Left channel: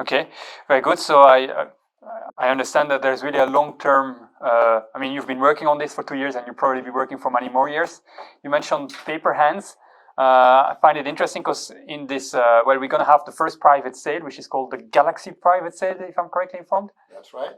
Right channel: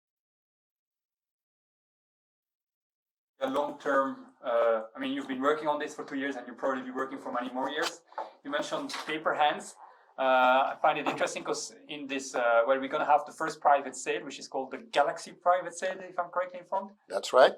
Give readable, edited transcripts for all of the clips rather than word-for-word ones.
Okay, very good. So I understand that there's really a long-term, I mean, you've been working on this for 2 years and you'll probably be working for many more years. You mentioned paper hands. I find it interesting because in this, well, we're going to have the first private sale, which is called the Galaxy private sale, if I'm correctly informed. That's right.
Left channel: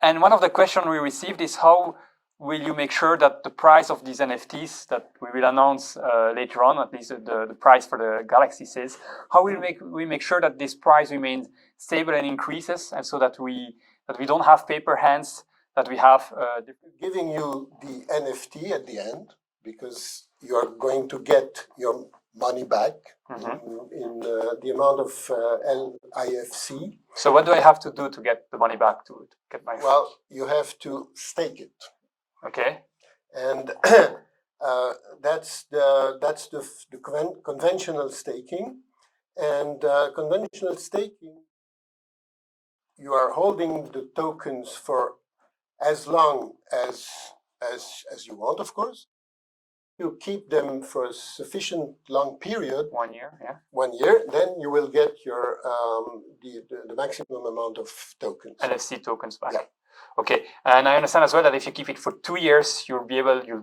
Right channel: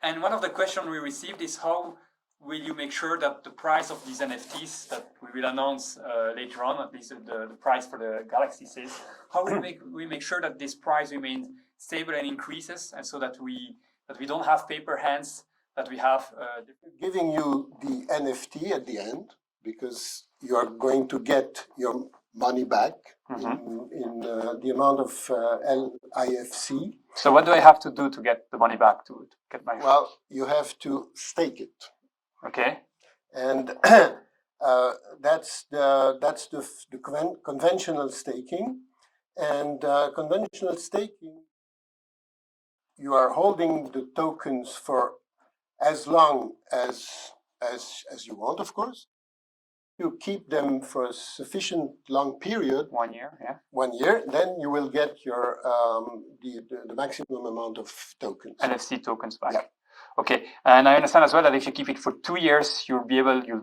And one of the questions we received is how will you make sure that the price of these NFTs that we will announce later on, at least the price for the Galaxy sales, how will we make sure that this price remains stable and increases, and so that we don't have paper hands, that we have giving you the NFT at the end, because you are going to get your money back in the amount of LIFC. So what do I have to do to get the money back? To get my Well, you have to stake it. Okay. And that's the conventional staking. And conventional staking, you are holding the tokens for as long as you want, of course. You keep them for a sufficient long period. 1 year, yeah. 1 year, then you will get your the maximum amount of tokens. NFC tokens back. Yeah. Okay, and I understand as well that if you keep it for 2 years, you'll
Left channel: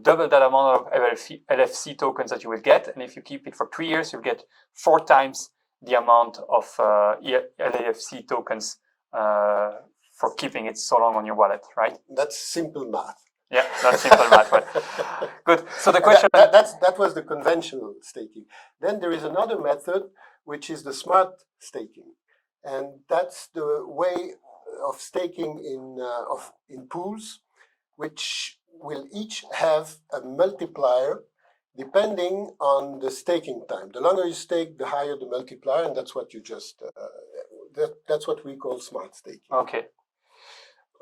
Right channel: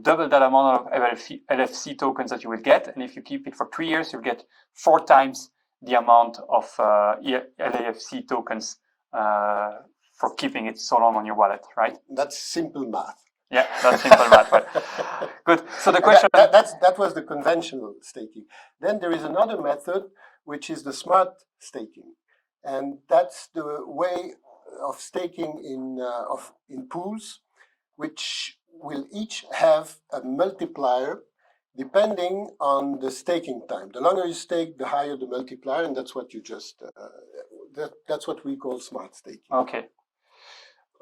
double that amount of LFC tokens that you will get, and if you keep it for 3 years, you'll get 4 times the amount of LFC tokens for keeping it so long on your wallet, right? That's simple math. Yeah, that's simple math. Good. So the question that was the conventional staking. Then there is another method, which is the smart staking, and that's the way of staking in pools, which will each have a multiplier depending on the staking time. The longer you stake, the higher the multiplier, and that's what you just that's what we call smart staking. Okay.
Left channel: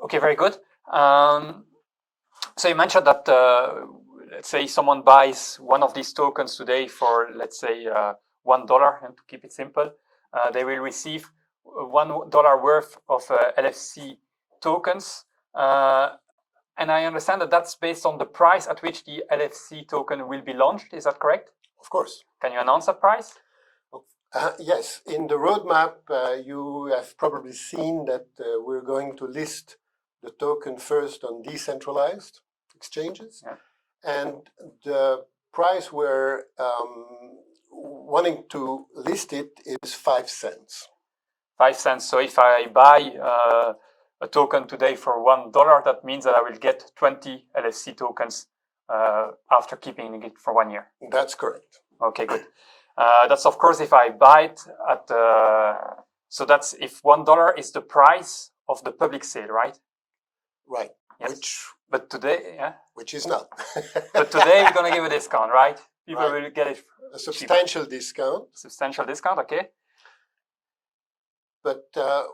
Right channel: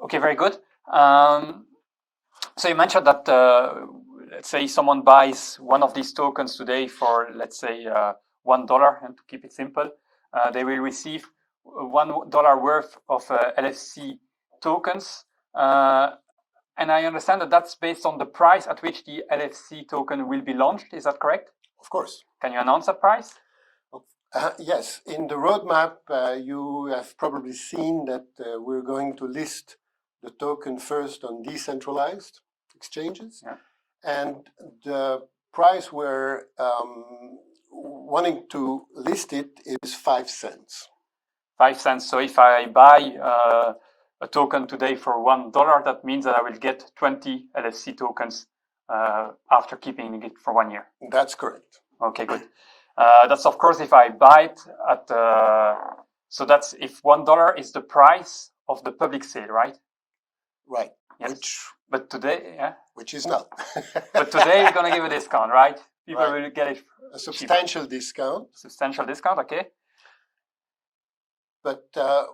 Okay, very good. So you mentioned that say someone buys one of these tokens today for, let's say, $1, and to keep it simple, they will receive $1 worth of LFC tokens. And I understand that that's based on the price at which the LFC token will be launched. Is that correct? Of course. Can you announce that price? Yes. In the roadmap, you have probably seen that we're going to list the token first on decentralized exchanges. Yeah. And the price we're wanting to list it is 5 cents. 5 cents. So if I buy a token today for $1, that means that I will get 20 LFC tokens after keeping it for 1 year. That's correct. Okay, good. That's of course if I buy it at so that's if $1 is the price of the public sale, right? Right. Yes. But today, yeah. Which is not. But today you're gonna give a discount, right? People right. will get it. A substantial discount. Substantial discount, okay. But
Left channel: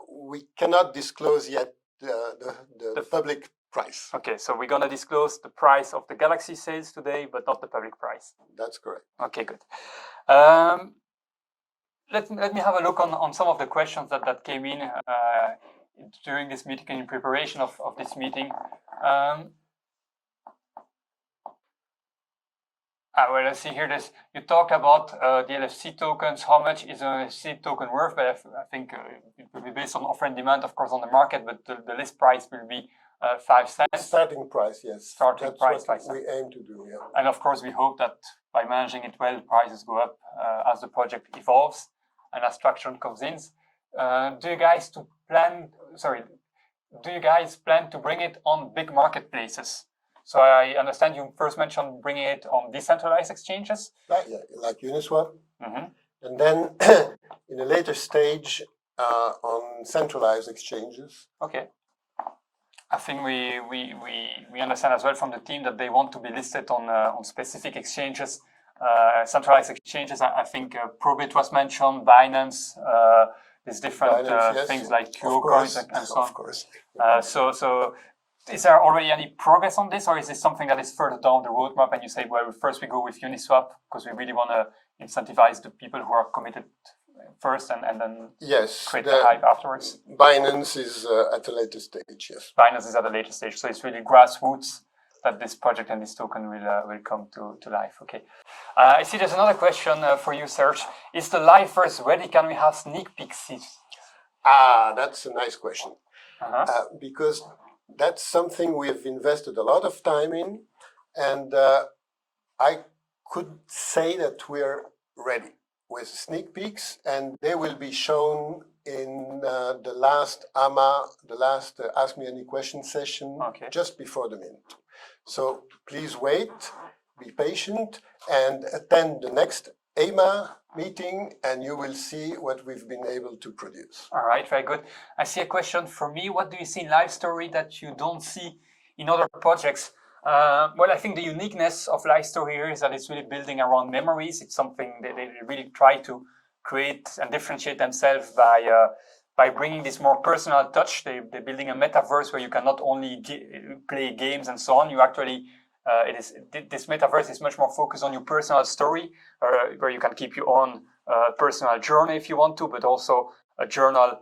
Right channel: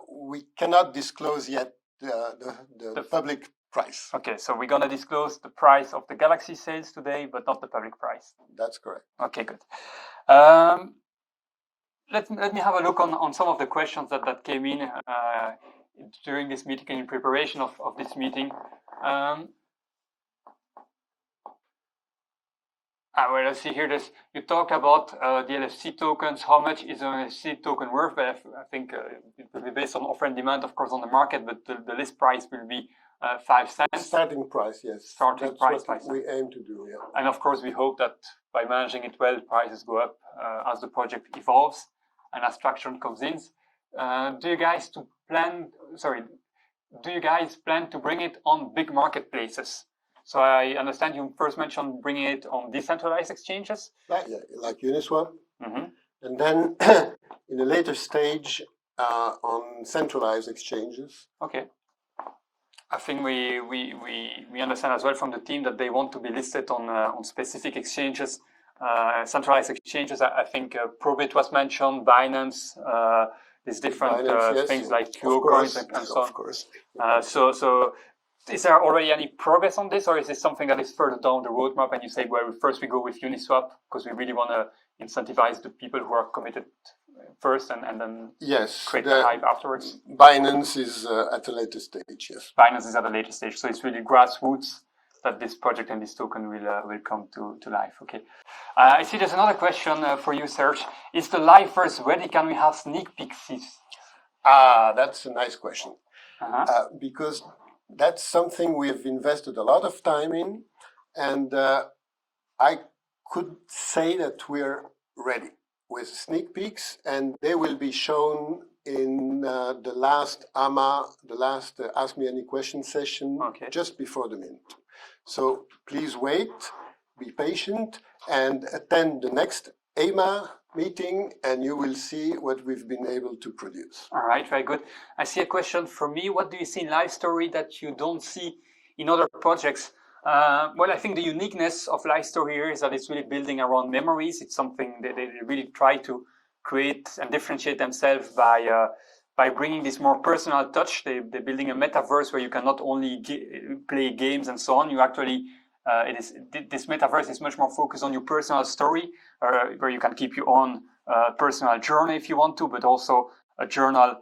we cannot disclose yet the public price. Okay, so we're gonna disclose the price of the Galaxy sales today, but not the public price. That's correct. Okay, good. Let me have a look on some of the questions that came in during this meeting, in preparation of this meeting. Well, let's see here. You talk about the LFC tokens. How much is an LFC token worth? But I think it will be based on offer and demand, of course, on the market. But the list price will be 5 cents. Starting price, yes. Starting price, what we aim to do. Yeah. And of course, we hope that by managing it well, prices go up as the project evolves and as traction comes in. Do you guys plan to bring it on big marketplaces? So I understand you first mentioned bringing it on decentralized exchanges. Like Uniswap. Mm-hmm. And then in a later stage on centralized exchanges. Okay. I think we understand as well from the team that they want to be listed on specific exchanges, centralized exchanges. I think Probit was mentioned, Binance, there's different things like QOcoins and so on. Of course. So is there already any progress on this, or is this something that is further down the roadmap and you say, well, first we go with Uniswap because we really want to incentivize the people who are committed first and then create the hype afterwards? Binance is at a later stage, yes. Binance is at a later stage, so it's really grassroots that this project and this token will come to life. Okay. I see there's another question for you, Serge. Is the Lifeverse ready? Can we have sneak peeks? That's a nice question. Uh-huh. Because that's something we've invested a lot of time in, and I could say that we're ready with sneak peeks, and they will be shown in the last Ask Me Any Question session, Okay. just before the mint. So please wait, be patient, and attend the next AMA meeting, and you will see what we've been able to produce. All right, very good. I see a question for me. What do you see in Lifestory that you don't see in other projects? Well, I think the uniqueness of Lifestory here is that it's really building around memories. It's something that they really try to create and differentiate themselves by bringing this more personal touch. They're building a metaverse where you can not only play games and so on. You actually, this metaverse is much more focused on your personal story, where you can keep your own personal journey if you want to, but also a journal,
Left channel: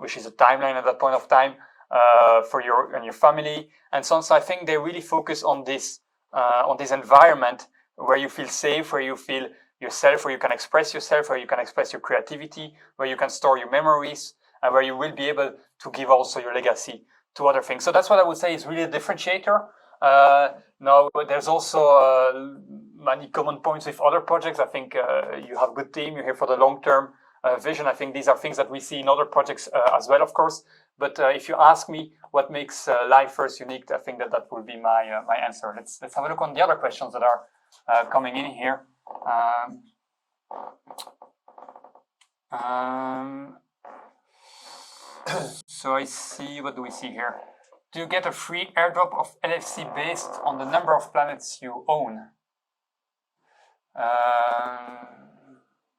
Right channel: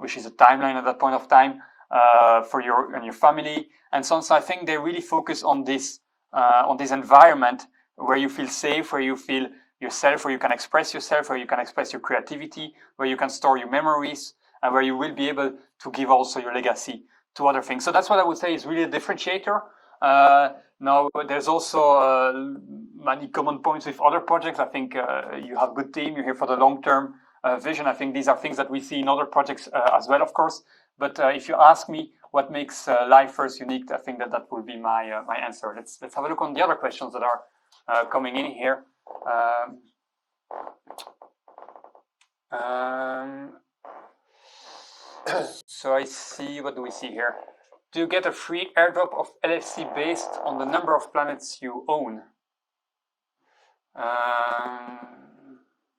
which is a timeline at that point of time for your and your family. And so I think they really focus on this environment where you feel safe, where you feel yourself, where you can express yourself, where you can express your creativity, where you can store your memories, and where you will be able to give also your legacy to other things. So that's what I would say is really a differentiator. Now, there's also many common points with other projects. I think you have a good team, you're here for the long-term vision. I think these are things that we see in other projects as well, of course. But if you ask me what makes Lifeverse unique, I think that will be my answer. Let's have a look on the other questions that are coming in here. So I see, what do we see here? Do you get a free airdrop of LFC based on the number of planets you own?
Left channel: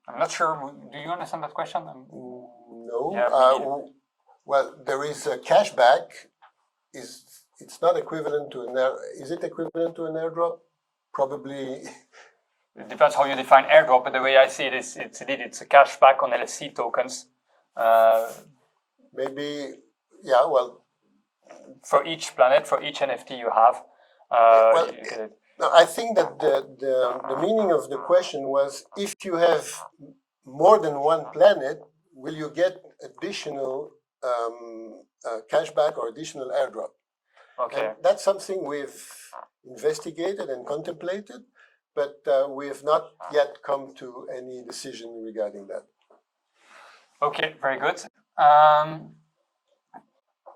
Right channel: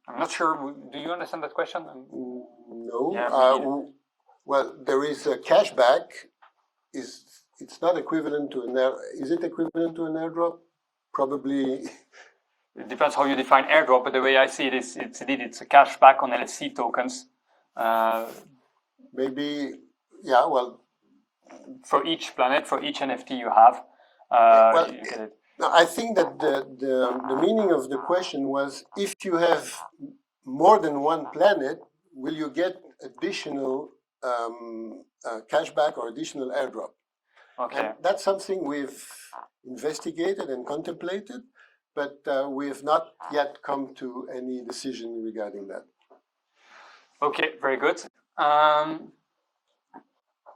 I'm not sure. Do you understand that question? No. Yeah. Well, there is a cashback. It's not equivalent to is it equivalent to an airdrop? Probably. It depends how you define airdrop, but the way I see it is, it's a cashback on LFC tokens. Maybe, yeah. Well, for each planet, for each NFT you have. Well, no, I think that the meaning of the question was, if you have more than one planet, will you get additional cashback or additional airdrop? Okay. And that's something we've investigated and contemplated, but we have not yet come to any decision regarding that. Okay, very good.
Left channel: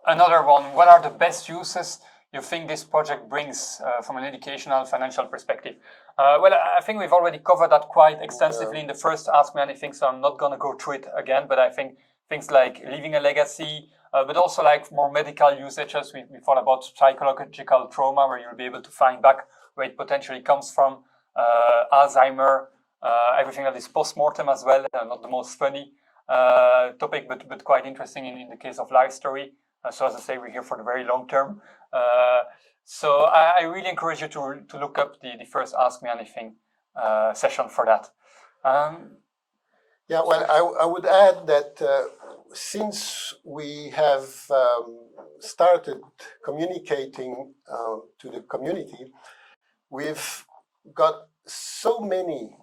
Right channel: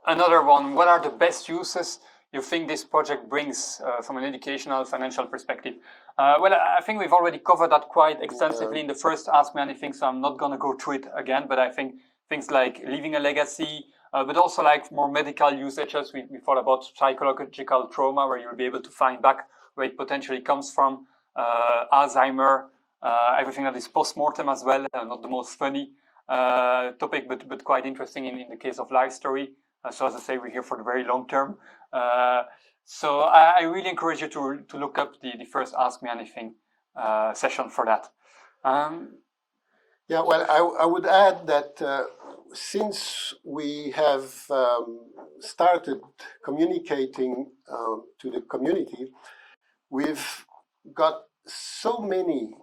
Another one, what are the best uses you think this project brings from an educational, financial perspective? Well, I think we've already covered that quite extensively in the first Ask Me Anything, so I'm not going to go through it again, but I think things like leaving a legacy, but also like more medical usages. We thought about psychological trauma, where you'll be able to find back where it potentially comes from, Alzheimer, everything that is post-mortem as well, not the most funny topic, but quite interesting in the case of Lifestory. So as I say, we're here for the very long term. So I really encourage you to look up the first Ask Me Anything session for that. Yeah, well, I would add that since we have started communicating to the community, we've got so many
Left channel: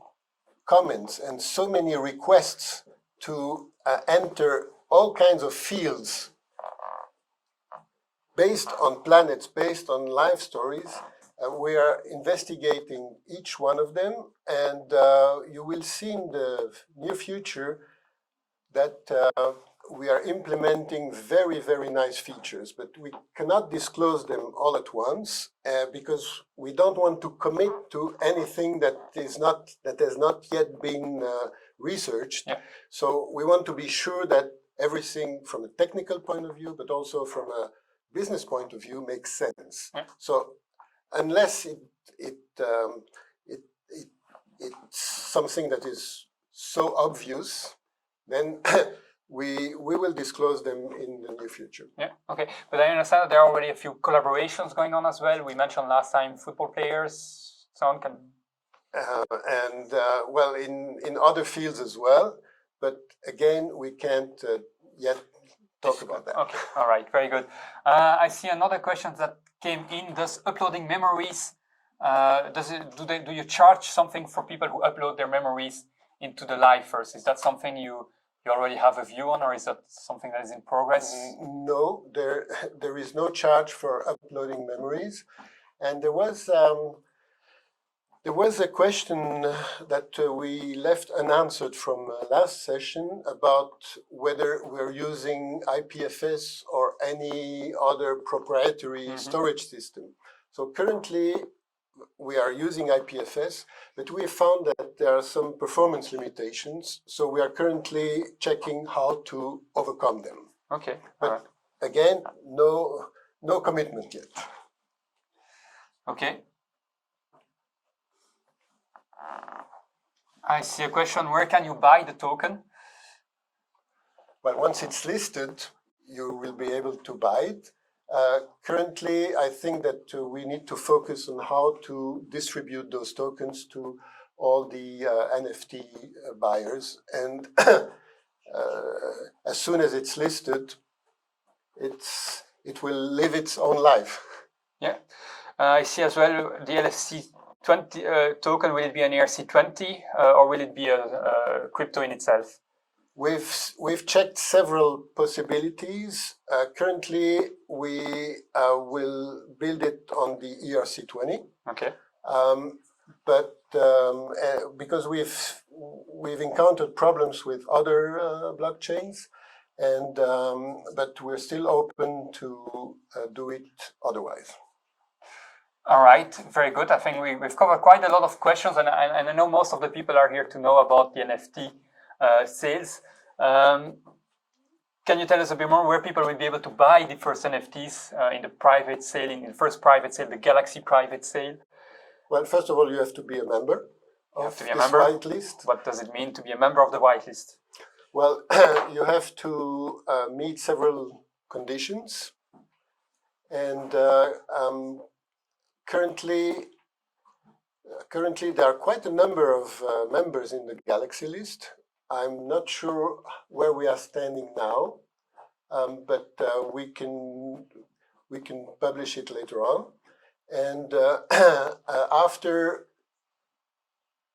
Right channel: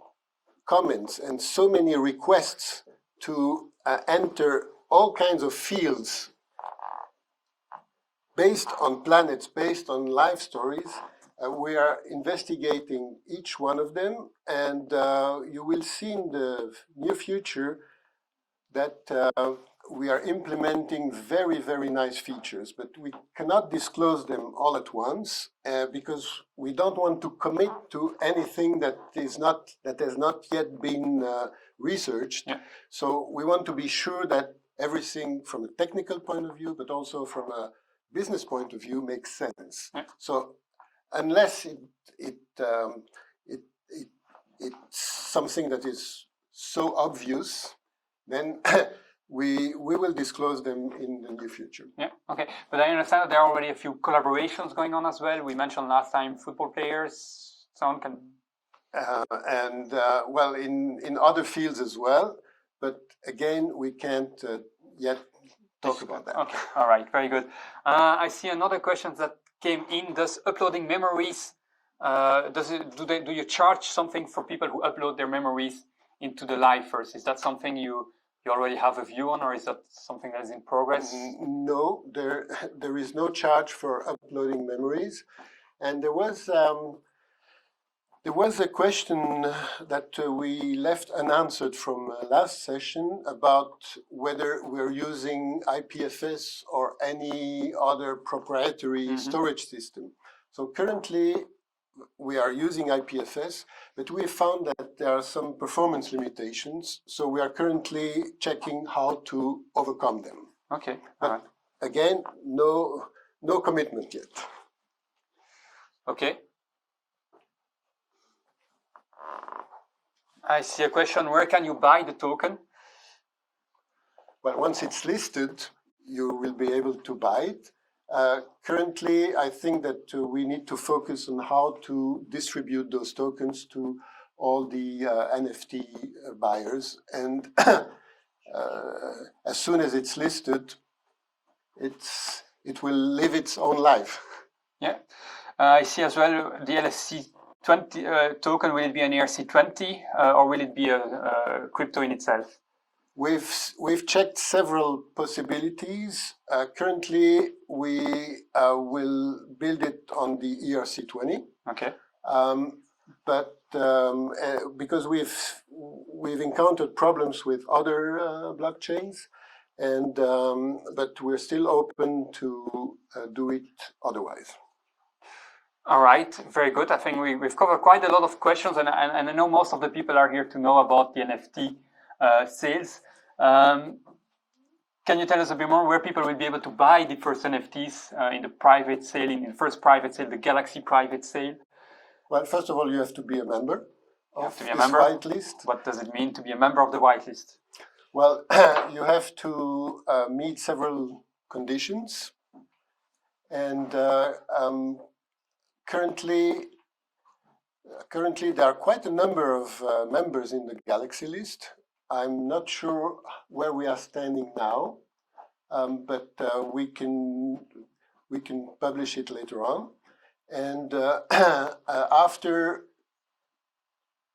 comments and so many requests to enter all kinds of fields based on planets, based on life stories. We are investigating each one of them, and you will see in the near future that we are implementing very, very nice features, but we cannot disclose them all at once because we don't want to commit to anything that has not yet been researched. Yeah. So we want to be sure that everything from a technical point of view, but also from a business point of view, makes sense. Yeah. So unless it's something that is so obvious, then we will disclose them in the near future. Yeah, okay. But I understand that there are already a few collaborations going on as well. We mentioned last time football players. Someone can... well, in other fields as well. But again, we can't yet talk about that. Okay, all right, very good. I see another question that came in. Does uploading memories Do you charge something for people who upload their memories into the Lifeverse? Is that something you already have a view on, or is that something that is in progress? No, there is no charge for uploading memories, and there was a question that we left unanswered from last session about whether we're using IPFS or any other proprietary storage system. So currently we are using IPFS, but we found that there are some performance limitations. So we are currently checking how to overcome them. Okay. But again, no commitment yet. Okay. I see a question, where can you buy the token? Well, once it's listed, you will be able to buy it. Currently, I think that we need to focus on how to distribute those tokens to all the NFT buyers. And as soon as it's listed, it will live its own life. Yeah, I see as well the LFC20 token. Will it be an ERC20 or will it be a crypto in itself? We've checked several possibilities. Currently, we will build it on the ERC20. Okay. But because we've encountered problems with other blockchains, and but we're still open to do it otherwise. All right, very good. I think we've covered quite a lot of questions, and I know most of the people are here to know about the NFT sales. Can you tell us a bit more where people will be able to buy the first NFTs in the private sale, in the first private sale, the Galaxy private sale? Well, first of all, you have to be a member of this whitelist. What does it mean to be a member of the whitelist? Well, you have to meet several conditions, and currently there are quite a number of members in the Galaxy list. I'm not sure where we are standing now, but we can publish it later on. And after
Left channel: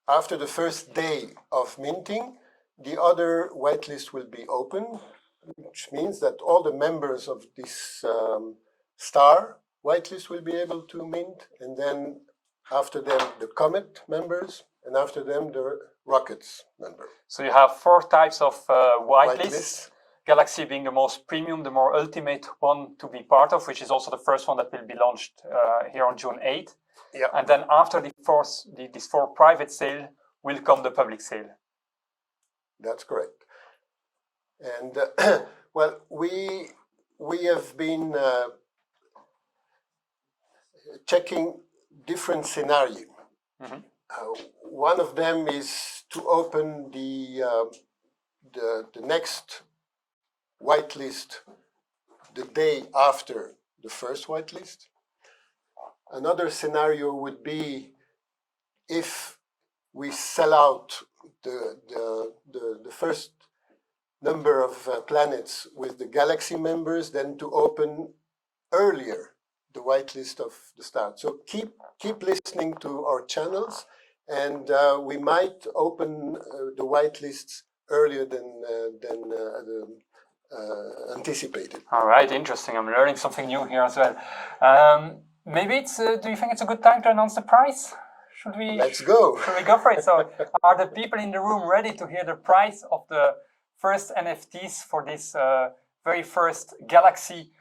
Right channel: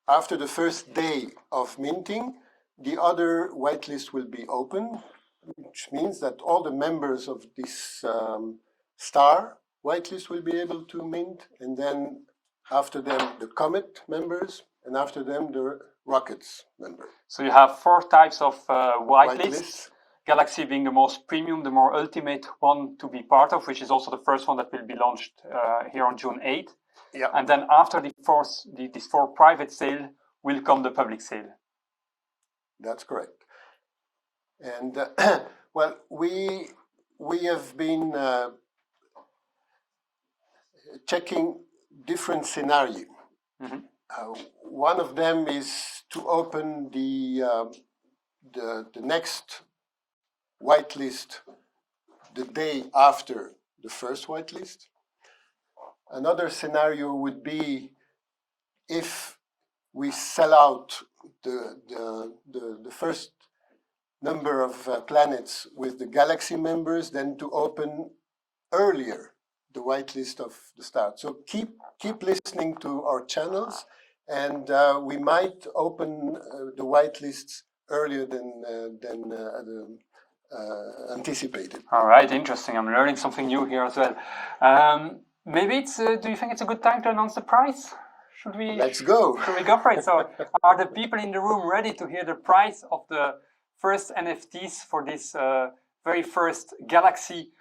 the first day of minting, the other whitelist will be open, which means that all the members of this star whitelist will be able to mint, and then after them the Comet members, and after them the Rockets member. So you have 4 types of whitelists. Galaxy being the most premium, the more ultimate one to be part of, which is also the first one that will be launched here on June 8th. Yeah. And then after these 4 private sale will come the public sale. That's correct. And well, we have been checking different scenarios. Mm-hmm. One of them is to open the next whitelist the day after the first whitelist. Another scenario would be if we sell out the first number of planets with the Galaxy members, then to open earlier the whitelist of the start. So keep listening to our channels, and we might open the whitelists earlier than anticipated. All right, interesting. I'm learning something new here as well. Maybe it's. Do you think it's a good time to announce the price? Should we? Let's go. Should we go for it? So, are the people in the room ready to hear the price of the first NFTs for this very first Galaxy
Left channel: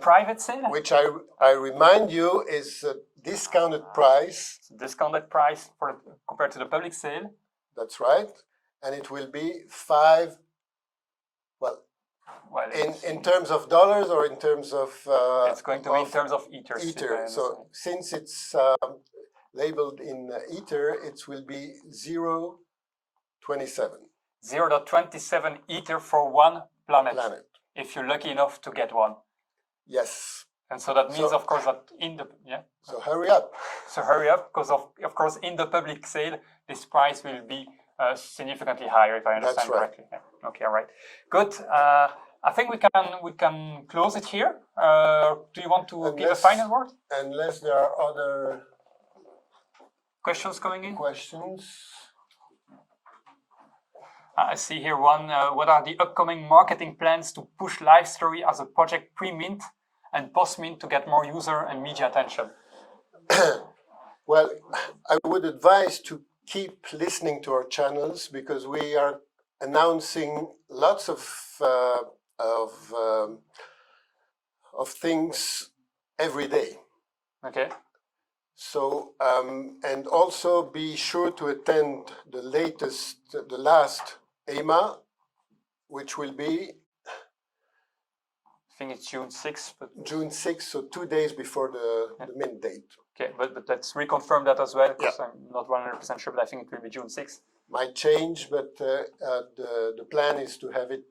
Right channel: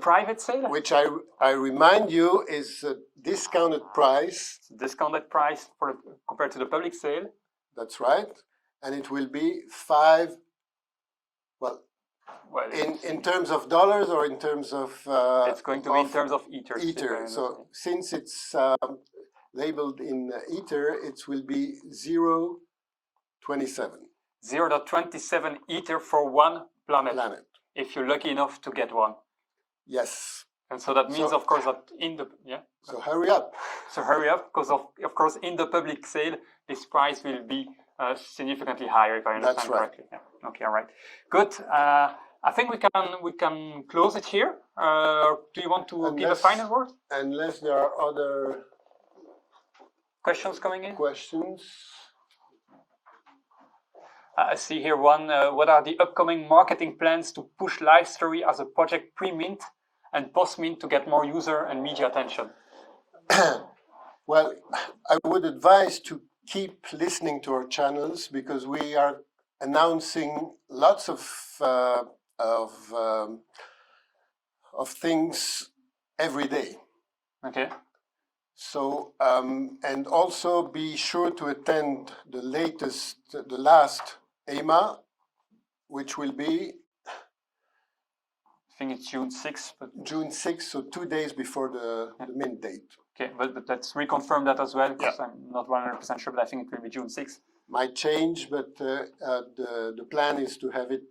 private sale? Which I remind you is a discounted price. Discounted price compared to the public sale. That's right, and it will be 5. Well, in terms of dollars or in terms of it's going to be in terms of Ether. Ether. So since it's labeled in Ether, it will be 0.27. 0.27 Ether for one planet. If you're lucky enough to get one. Yes. And so that means, of course, that in the So hurry up. So hurry up, because of course in the public sale this price will be significantly higher, if I understand That's right. correctly. Yeah. Okay, all right, good. I think we can close it here. Do you want to give a final word? Unless there are other questions coming in? questions. I see here one. What are the upcoming marketing plans to push Lifestory as a project pre-mint and post-mint to get more user and media attention? Well, I would advise to keep listening to our channels because we are announcing lots of things every day. Okay. So and also be sure to attend the last EMA, which will be I think it's June 6th. But... June 6th, so 2 days before the mint date. Okay, but let's reconfirm that as well, because I'm not 100% sure, but I think it will be June 6th. Might change, but the plan is to have it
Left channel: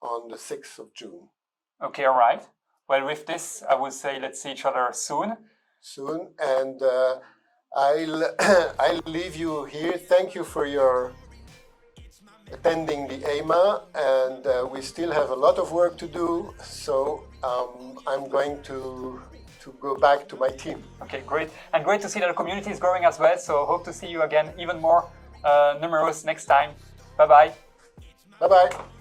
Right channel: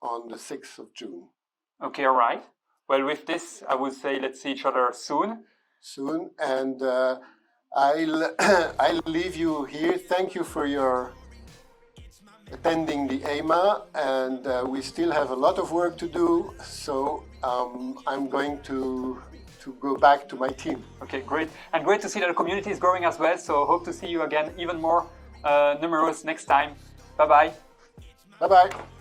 on the 6th of June. Okay, all right. Well, with this, I would say let's see each other soon. Soon, and I'll leave you here. Thank you for your attending the EMA, and we still have a lot of work to do, so I'm going to go back to my team. Okay, great. And great to see that the community is growing as well, so hope to see you again even more numerous next time. Bye-bye. Bye-bye.